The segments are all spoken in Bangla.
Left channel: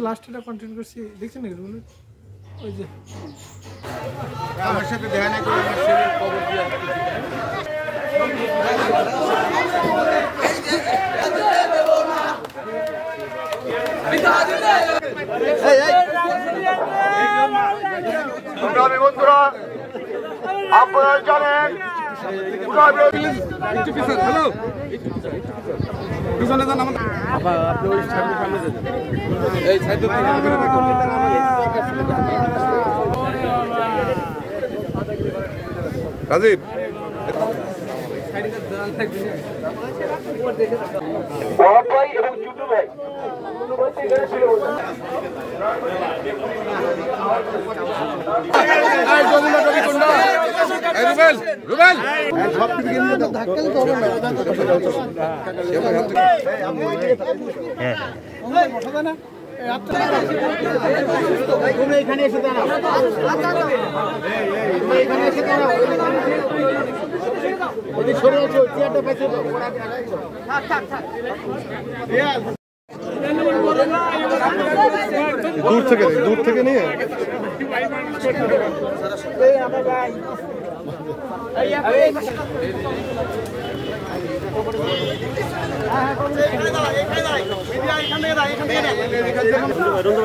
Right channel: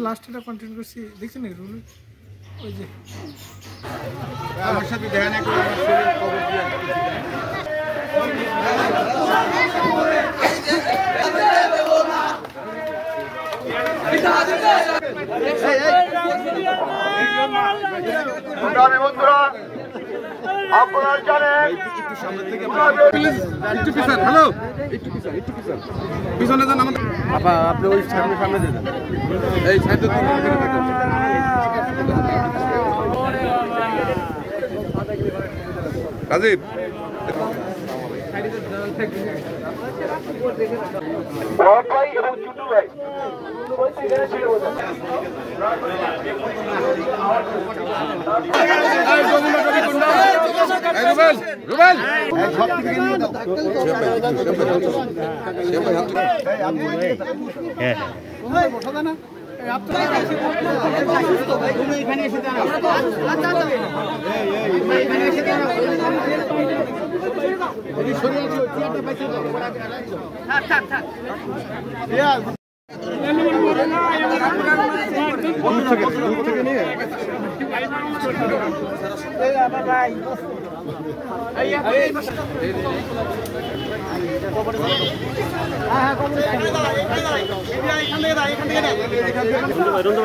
লাস্টটা কন্টেন্ট করছি দেখছেন না রুল ওই যে আমার সাথে দেখা না করে আমার শরীর কবর দিয়ে বন্ধুরা আপনারা জানেন একটু পিছন হ্যালো একটু পিছনে যান আমাদের আপনি ওই সামনে যান এই সাইডে রাজীব বড় ভাই এবং ছোট ভাই রুবেল সব থেকে নিয়ে দাও এখানে এসে দূর থেকে নিয়ে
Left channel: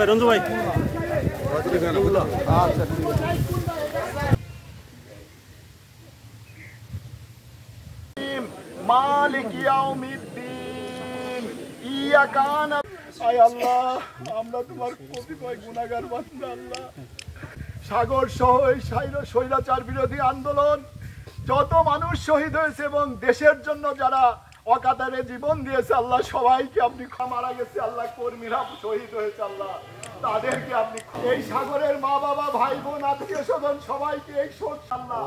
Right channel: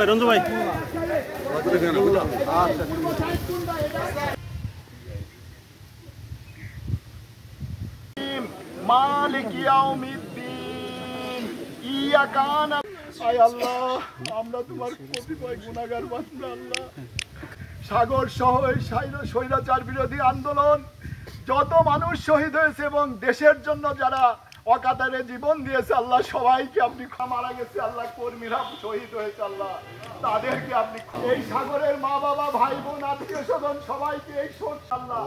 রঞ্জু ভাই মালিক ইয়াউমিদ্দিন ইয়াকা না'বুদু আয় আল্লাহ আমরা তোমার কতিপয় গুনাহগার বান্দা আল্লাহ সাগর সহ এই স্বৈরাচার বিরোধী আন্দোলন যত মানুষ শহীদ হয়েছে এবং দেশের জন্য যারা অকাতরে জীবন দিয়েছে আল্লাহ সবাইকে আপনি মারা গেছে আল্লাহ কর্মীরা শহীদ হয়েছে আল্লাহ তাদেরকে আপনি এই সাগরের মা বাবা ভাই বোন আত্মীয় স্বজন সবাইকে এই শোক আল্লাহ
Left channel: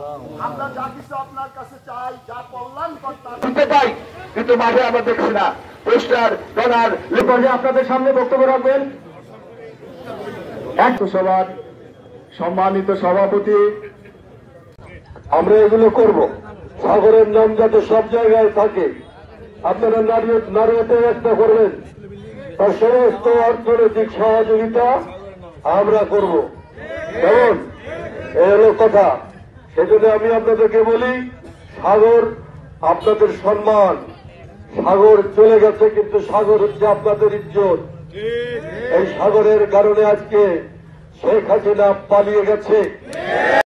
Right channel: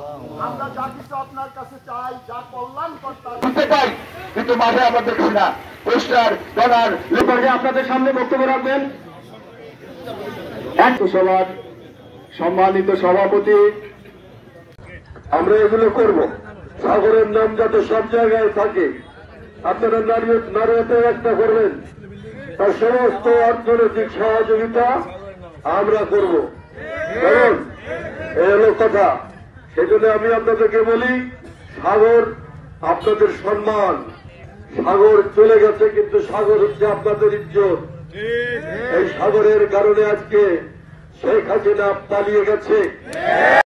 আমরা যা কিছু আপনার কাছে চাই যা কল্যাণ করতে পাই কিন্তু মাঝে আমরা দেখছি না পোস্টার ডলার লিখে আপনাদের সামনে বক্তব্য রাখবেন এক সভার সম্মানিত সভাপতি আমরা এগুলো করব সাগরের নাম যাতে সব জায়গায় থাকে আপনারা নারীতে ব্যক্ত করবেন তার সমস্ত অর্থনৈতিক সহযোগিতা আমরা করব কেমন এই হলো কথা সেজন্য আমি আপনাদেরকে বলি সাগর আপনাদের সম্মান সাগর চলে গেছে কিন্তু সাগর হচ্ছে আপনাদের ইজ্জত এই সাগরের কারণে আজকে শেখ হাসিনা পালিয়ে গেছে